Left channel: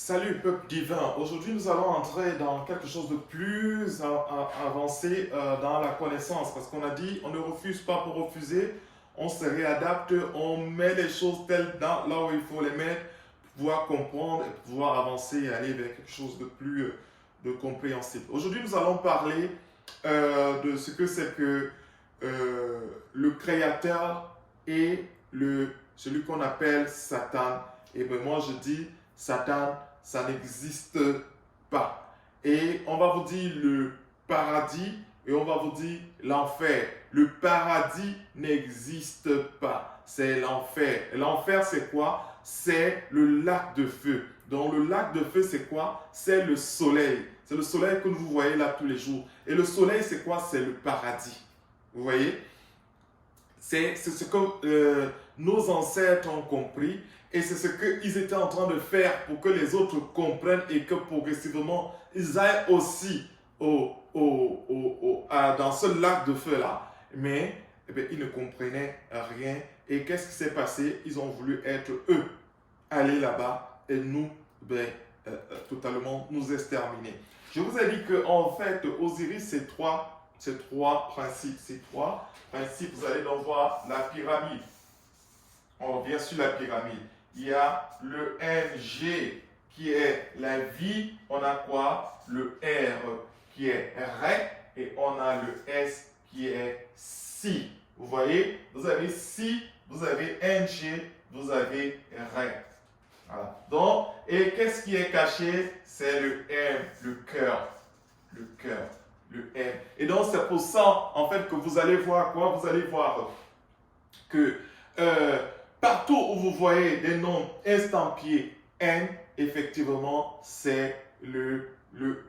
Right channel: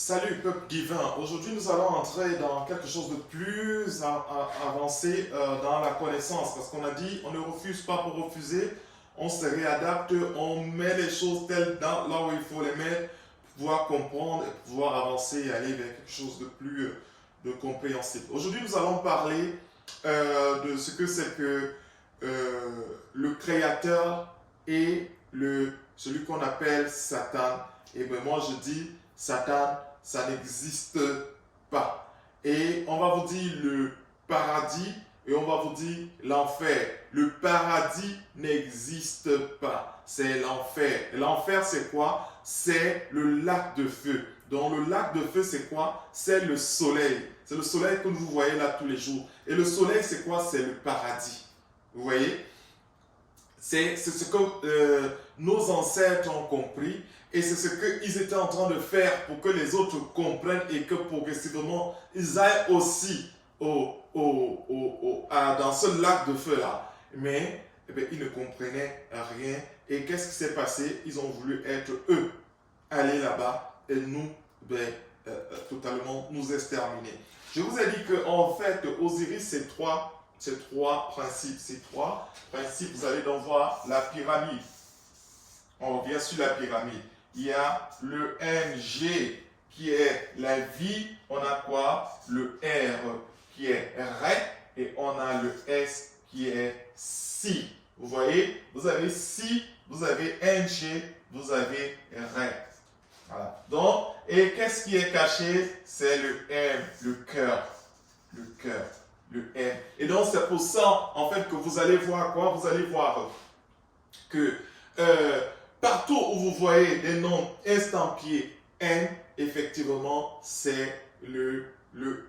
Salut peuple divin, aujourd'hui nous allons entrer dans quelque chose de plus avancé dans la connaissance parce qu'on a dit on ne refuse pas pour refuser, on se réadapte, on met les choses telles là où il faut les mettre pour pouvoir comprendre et pouvoir avancer et aller vers quelque chose de plus de compréhensible. Aujourd'hui nous allons parler de ce que c'est que le créateur et celui qu'on appelle Satan. Et bien moi je dis Satan, ça n'existe pas. Et on va vous dire le paradis et on va vous dire l'enfer. Le paradis n'existe pas. C'est l'enfer. Et l'enfer, c'est quoi? C'est le lac de feu. Donc le lac de feu, c'est quoi? C'est le soleil. C'est le soleil que vous voyez là tous les jours. Et le soleil, c'est quoi? C'est le paradis. Vous voyez? C'est ce que nos ancêtres ont compris et c'est ce qu'ils étaient en train de faire pour que les autres comprennent et que progressivement ils aillent aussi dans ce lac de feu-là. Mais eh bien, ils ne comprenaient rien. Et qu'est-ce qui s'est passé? Ils ont voulu être eux, aller là-bas et nous, ben, totalement nous exterminer. Je vous ai dit qu'en fait, Osiris, c'est trois principes. Ces trois principes, vous allez donc voir la pyramide. On revient sur la pyramide. Il y a le NG qui est la vie. On a quoi? Le R qui est Ré. Et on a le S qui est Si. Vous voyez? Vous avez Si, vous avez NG, vous avez Ré. Voilà. Donc, et qu'est-ce qui est caché? C'est le M, le cœur. Le cœur. Le M. Et donc, c'est pour ça, en fait, que vous allez voir quoi? Vous allez voir que partout où vous voyez des noms estampillés N, effectivement, c'est le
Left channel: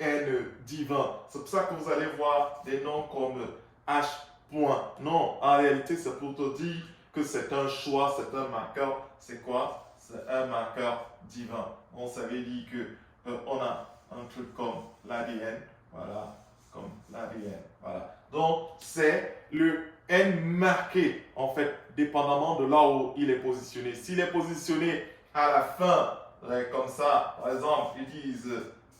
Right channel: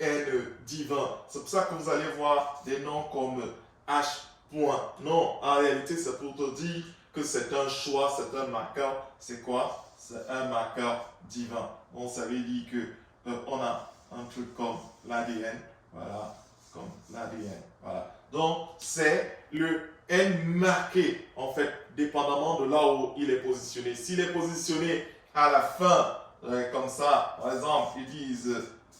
N divin. C'est pour ça que vous allez voir des noms comme H. Point. Non, en réalité, c'est pour te dire que c'est un choix, c'est un marqueur. C'est quoi? C'est un marqueur divin. On savait dire que on a un truc comme l'ADN. Voilà, comme l'ADN. Voilà. Donc, c'est le N marqué, en fait, dépendamment de là où il est positionné. S'il est positionné à la fin, comme ça, par exemple, ils disent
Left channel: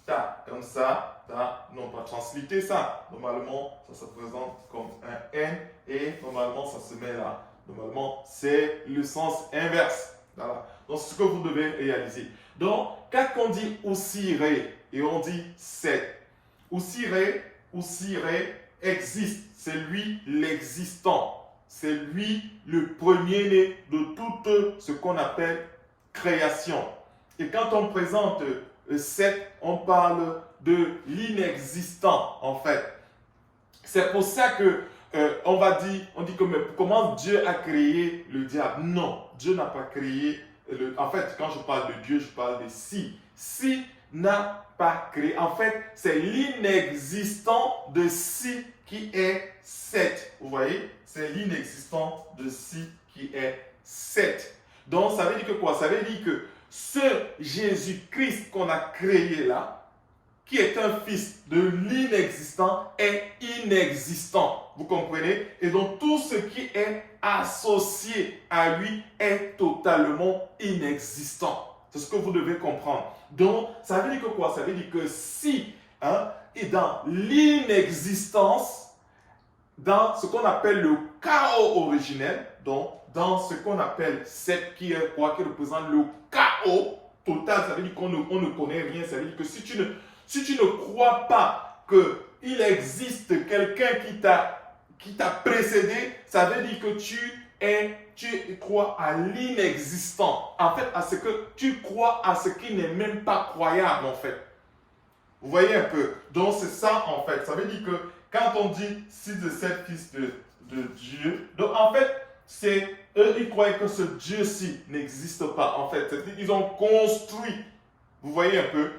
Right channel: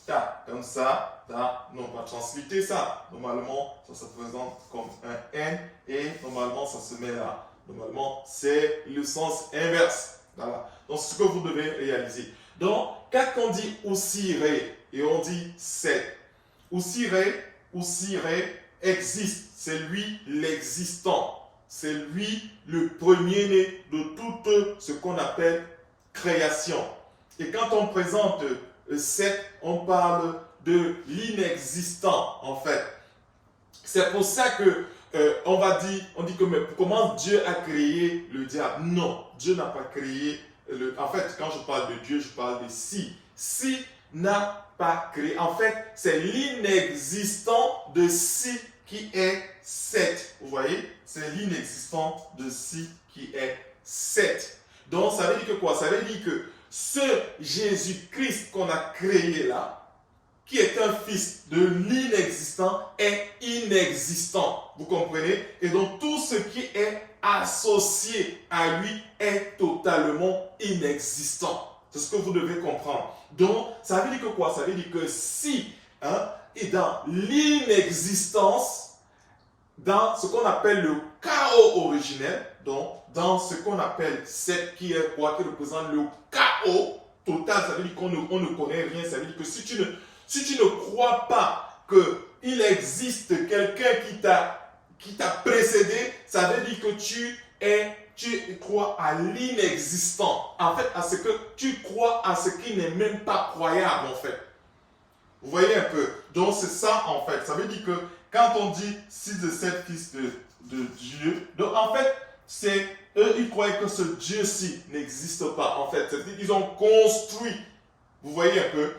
ta, comme ça, ta, non pas transliter ça. Normalement, ça se présente comme un N et normalement, ça se met là. Normalement, c'est le sens inverse. Voilà. Donc, c'est ce que vous devez réaliser. Donc, quand on dit Osiré et on dit 7, Osiré existe. C'est lui l'existant. C'est lui le premier-né de tout ce qu'on appelle création. Et quand on présente 7, on parle de l'inexistant en fait. C'est pour ça que on dit que mais comment Dieu a créé le diable? Non, Dieu n'a pas créé en fait, quand je parle de Dieu, je parle de Si. Si n'a pas créé. En fait, c'est l'inexistant de Si qui est 7. Vous voyez? C'est l'inexistant de Si qui est 7. Donc, ça veut dire que quoi? Ça veut dire que ce Jésus-Christ qu'on a créé là, qui est un fils de l'inexistant, est inexistant. Vous comprenez? Et donc, tout ce qui est associé à lui est totalement inexistant. C'est ce que vous devez comprendre. Donc, ça veut dire que quoi? Ça veut dire que si est dans l'inexistence, dans ce qu'on appelle le chaos originel, donc dans ce qu'on appelle cette qui est quoi? Qui représente le chaos total, ça veut dire qu'on ne connaît rien. Ça veut dire que si tu ne crois pas qu'il existe quelqu'un qui t'a précédé, ça veut dire que tu crois à l'inexistant. En fait, à ce que tu crois à ce qui n'est même pas croyable, en fait. Vous voyez un peu? Donc, c'est ça, en fait. Ça veut dire que quand on dit 6 de 7 fils de Dieu, donc en fait, c'est eux, ils croyaient que ce Dieu-ci n'existe pas. En fait, ils ont construit. Vous voyez un peu?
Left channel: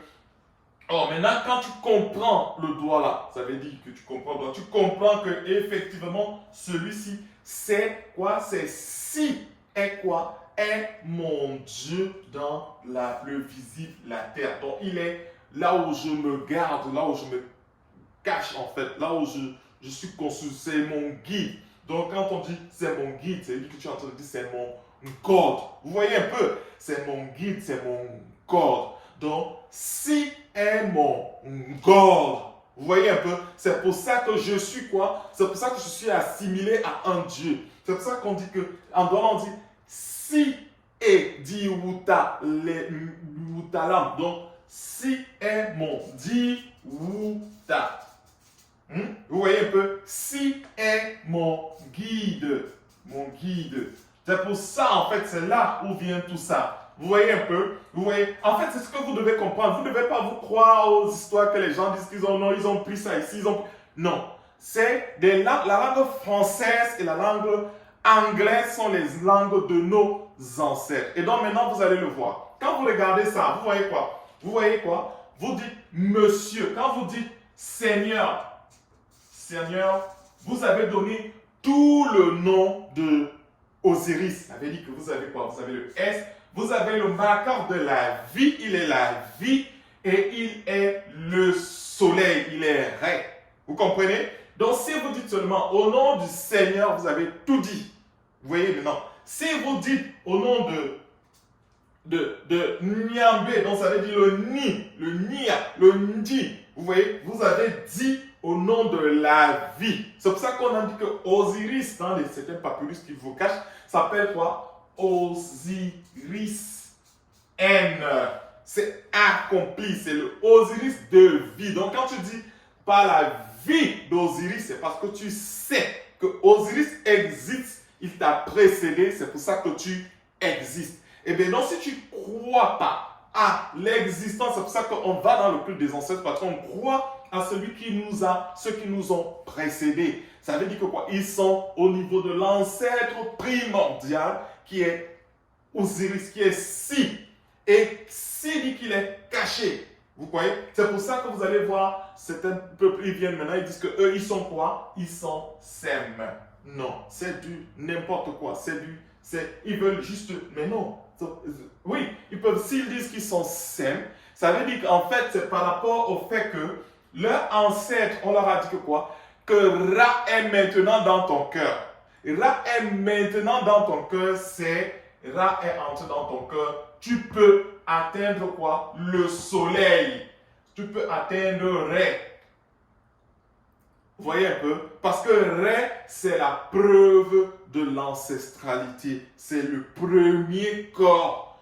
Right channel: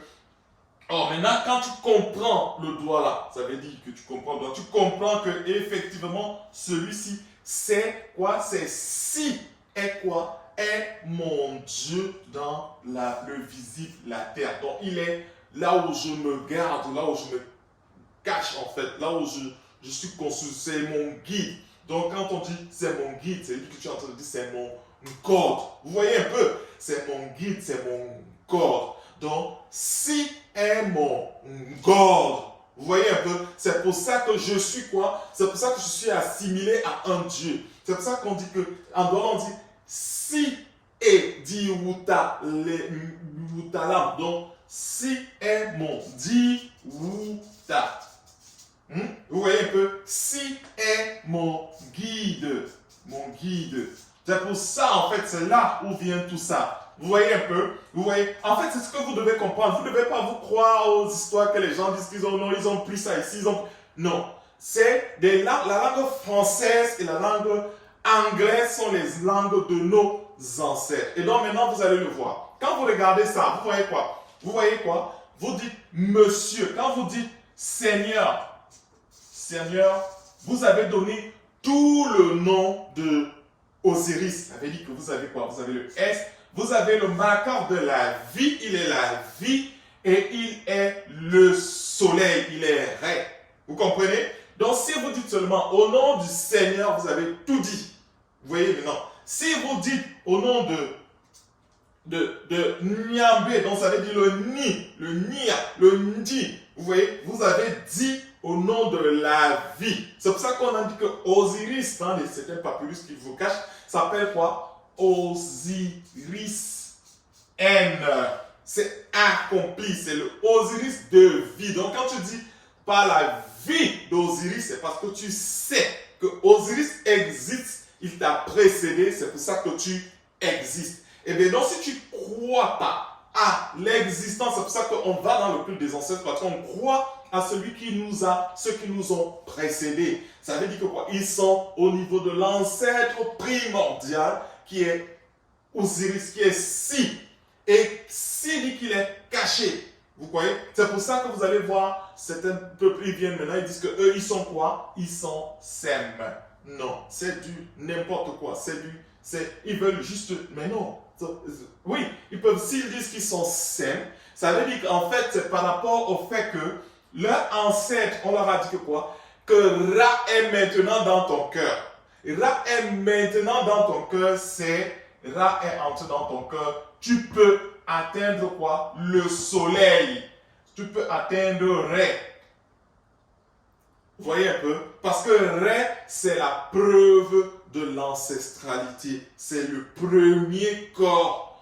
Or, maintenant, quand tu comprends le doigt là, ça veut dire que tu comprends le doigt, tu comprends que effectivement, celui-ci, c'est quoi? C'est Si est quoi? Est mon Dieu dans le visible, la terre. Donc, il est là où je me garde, là où je me cache en fait, là où je suis conçu, c'est mon guide. Donc, quand on dit c'est mon guide, ça veut dire que tu es en train de dire c'est mon code. Vous voyez un peu? C'est mon guide, c'est mon code. Donc, si est mon God. Vous voyez un peu, c'est pour ça que je suis quoi? C'est pour ça que je suis assimilé à un Dieu. C'est pour ça qu'on dit que, en Douala, on dit si est dit Wutalam. Donc, si est mon dit Wuta. Vous voyez un peu, si est mon guide. Mon guide. C'est pour ça, en fait, c'est là où vient tout ça. Vous voyez un peu? Vous voyez? En fait, c'est ce que vous devez comprendre. Vous ne devez pas vous croire aux histoires que les gens disent qu'ils ont, non, ils ont pris ça ici, ils ont... Non. C'est la langue française et la langue anglaise sont les langues de nos ancêtres. Et donc, maintenant, vous allez le voir. Quand vous regardez ça, vous voyez quoi? Vous voyez quoi? Vous dites monsieur. Quand vous dites Seigneur, Seigneur, vous avez donné tout le nom de Osiris. Ça veut dire que vous avez quoi? Vous avez le S. Vous avez le marqueur de la vie, il est la vie et il est le soleil, il est Ré. Vous comprenez? Donc si vous dites seulement au nom du Seigneur, vous avez tout dit. Vous voyez maintenant? Si vous dites au nom de Nyambé, donc ça veut dire le Ni, le Nia, le Ndi, vous voyez? Vous avez dit au nom de la vie. C'est pour ça qu'on a dit que Osiris, dans certains papyrus qui vous cachent, s'appelle quoi? Osiris M. C'est accompli, c'est le Osiris de vie. Donc quand tu dis par la vie d'Osiris, c'est parce que tu sais que Osiris existe, il t'a précédé, c'est pour ça que tu existes. Et bien donc si tu ne crois pas à l'existence, c'est pour ça qu'on va dans le culte des ancêtres, parce qu'on croit à celui qui nous a, ceux qui nous ont précédés. Ça veut dire que quoi? Ils sont au niveau de l'ancêtre primordial qui est Osiris, qui est Si. Et Si dit qu'il est caché. Vous voyez? C'est pour ça que vous allez voir certains peuples, ils viennent maintenant, ils disent que eux, ils sont quoi? Ils sont Sem. Non, c'est du n'importe quoi. Ils veulent juste, mais non. Oui, ils peuvent, s'ils disent qu'ils sont Sem, ça veut dire qu'en fait, c'est par rapport au fait que leur ancêtre, on leur a dit que quoi? Que Ra est maintenant dans ton cœur. Ra est maintenant dans ton cœur, c'est Ra est entré dans ton cœur. Tu peux atteindre quoi? Le soleil. Tu peux atteindre Ré. Vous voyez un peu? Parce que Ré, c'est la preuve de l'ancestralité. C'est le premier corps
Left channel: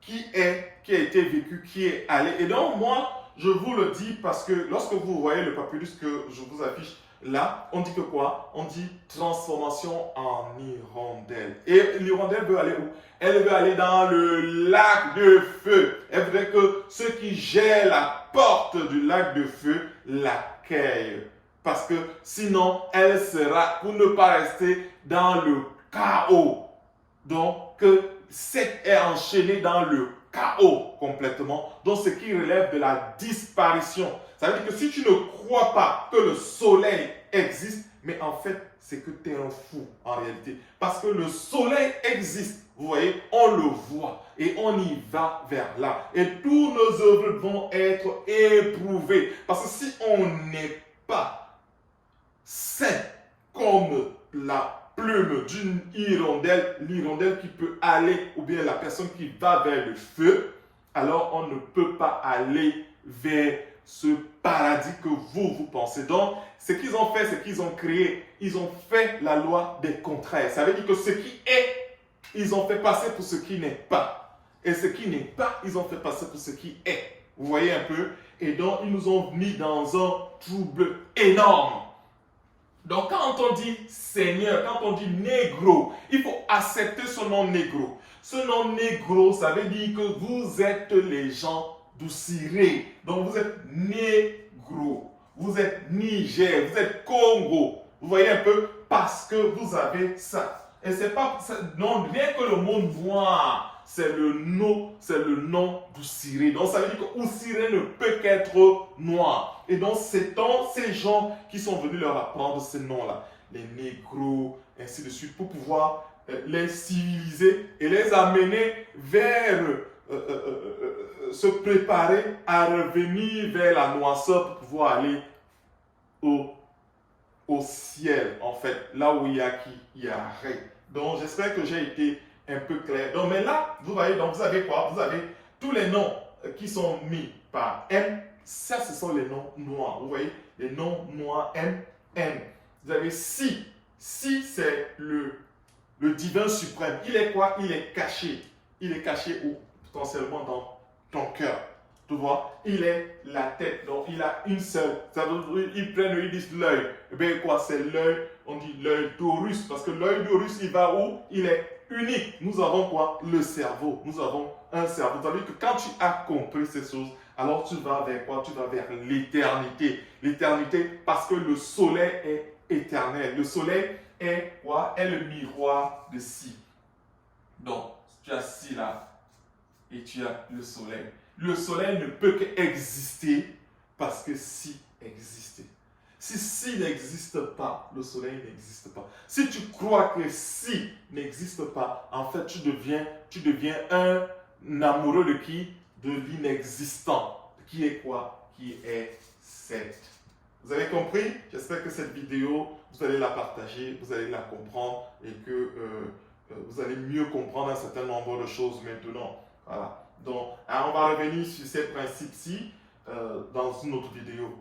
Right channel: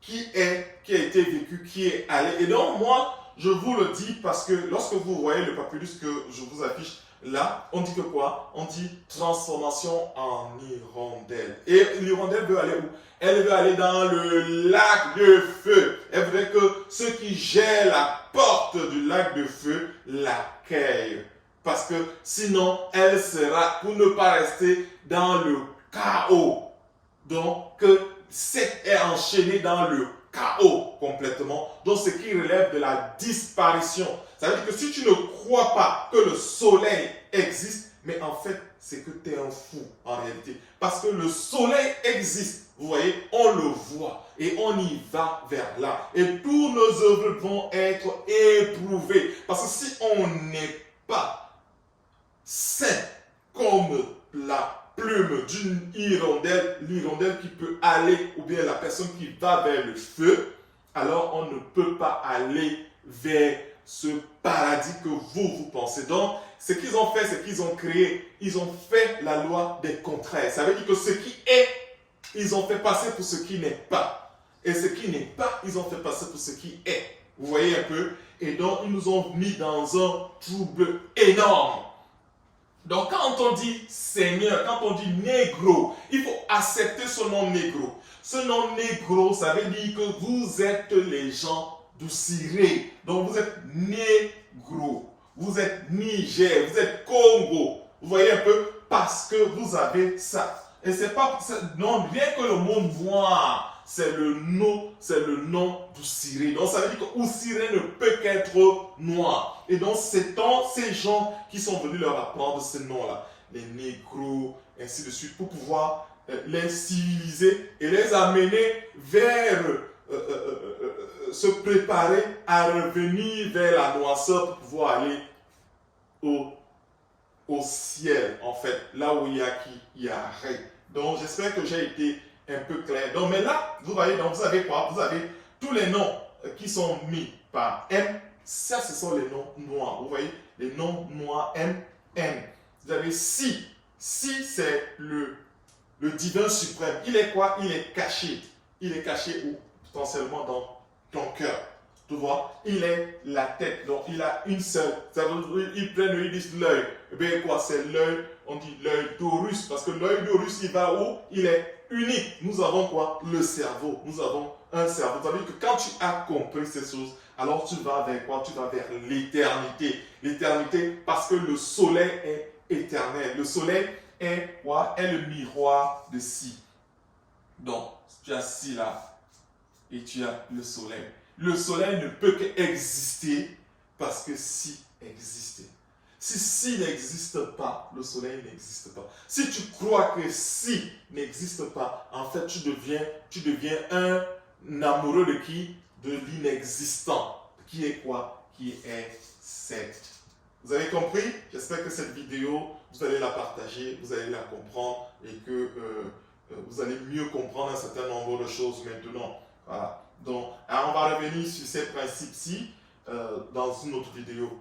qui a été vécu, qui est allé. Et donc, moi, je vous le dis parce que lorsque vous voyez le papyrus que je vous affiche là, on dit que quoi? On dit transformation en hirondelle. Et l'hirondelle veut aller où? Elle veut aller dans le lac de feu. Elle voudrait que ceux qui gèrent la porte du lac de feu l'accueillent. Parce que sinon, elle sera, pour ne pas rester dans le chaos. Donc, Seth est enchaîné dans le chaos complètement. Donc, ce qui relève de la disparition. Ça veut dire que si tu ne crois pas que le soleil existe, mais en fait, c'est que tu es un fou en réalité. Parce que le soleil existe. Vous voyez, on le voit et on y va vers là. Et tous nos œuvres vont être éprouvées. Parce que si on n'est pas sain comme la plume d'une hirondelle, l'hirondelle qui peut aller, ou bien la personne qui va vers le feu, alors on ne peut pas aller vers ce paradis que vous pensez. Donc, ce qu'ils ont fait, c'est qu'ils ont créé, ils ont fait la loi des contraires. Ça veut dire que ce qui est, ils ont fait passer pour ce qui n'est pas. Et ce qui n'est pas, ils ont fait passer pour ce qui est. Vous voyez un peu? Et donc, ils nous ont mis dans un trouble énorme. Donc, quand on dit Seigneur, quand on dit négro, il faut accepter ce nom négro. Ce nom négro, ça veut dire que vous êtes les gens d'Oussiré. Donc, vous êtes négro. Vous êtes Niger, vous êtes Congo. Vous voyez un peu? Parce que vous avez ça. Et c'est pas, non, rien que le mot noir, c'est le nom d'Oussiré. Donc, ça veut dire que Oussiré ne peut qu'être noir. Et donc, c'est ces gens qui sont venus leur apprendre ce nom-là. Les négros, ainsi de suite, pour pouvoir les civiliser et les amener vers se préparer à revenir vers la noirceur pour pouvoir aller au ciel, en fait, là où il y a qui, il y a Ré. Donc, j'espère que j'ai été un peu clair. Donc, mais là, vous voyez, donc vous avez quoi? Vous avez tous les noms qui sont mis par M, ça ce sont les noms noirs. Vous voyez, les noms noirs M, N. Vous avez Si. Si c'est le divin suprême. Il est quoi? Il est caché. Il est caché où? Potentiellement dans ton cœur. Tu vois? Il est la tête. Donc il a une seule. Ils prennent, ils disent l'œil. Eh bien quoi? C'est l'œil. On dit l'œil d'Horus. Parce que l'œil d'Horus, il va où? Il est unique. Nous avons quoi? Le cerveau. Nous avons un cerveau. C'est-à-dire que quand tu as compris ces choses, alors tu vas vers quoi? Tu vas vers l'éternité. L'éternité parce que le soleil est éternel. Le soleil est quoi? Est le miroir de Si. Donc, tu as Si là et tu as le soleil. Le soleil ne peut qu'exister parce que Si existait. Si n'existe pas, le soleil n'existe pas. Si tu crois que Si n'existe pas, en fait, tu deviens un amoureux de qui? De l'inexistant. Qui est quoi? Qui est cette. Vous avez compris? J'espère que cette vidéo, vous allez la partager, vous allez la comprendre et que vous allez mieux comprendre un certain nombre de choses maintenant. Voilà. Donc, on va revenir sur ces principes-ci dans une autre vidéo.